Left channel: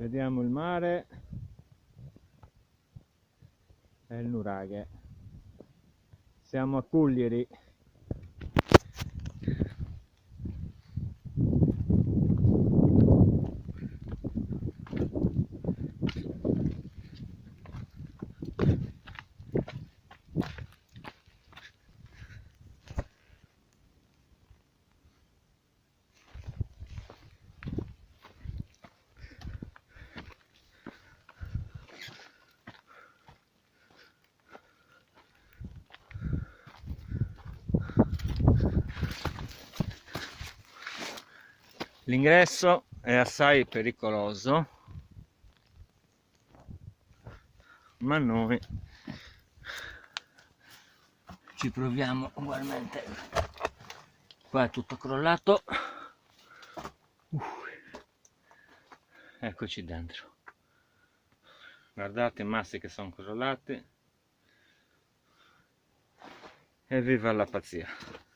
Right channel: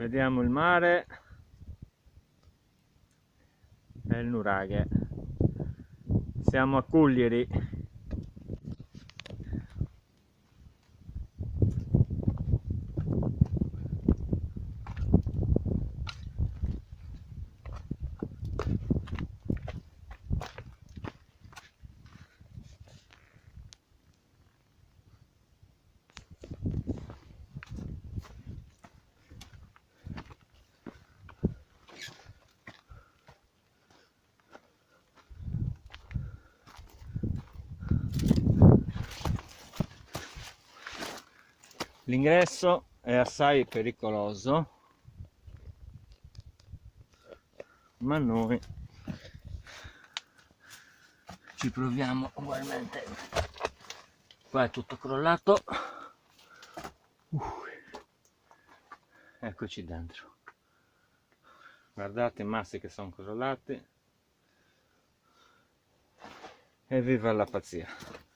Vediamo il mare e il nuraghe. Siamo a Cuglieri. L'ingresso è assai pericoloso, ma noi ci proviamo ugualmente. Qua è tutto crollato. Eccoci dentro. Guardate i massi che sono crollati. E viva la pazzia!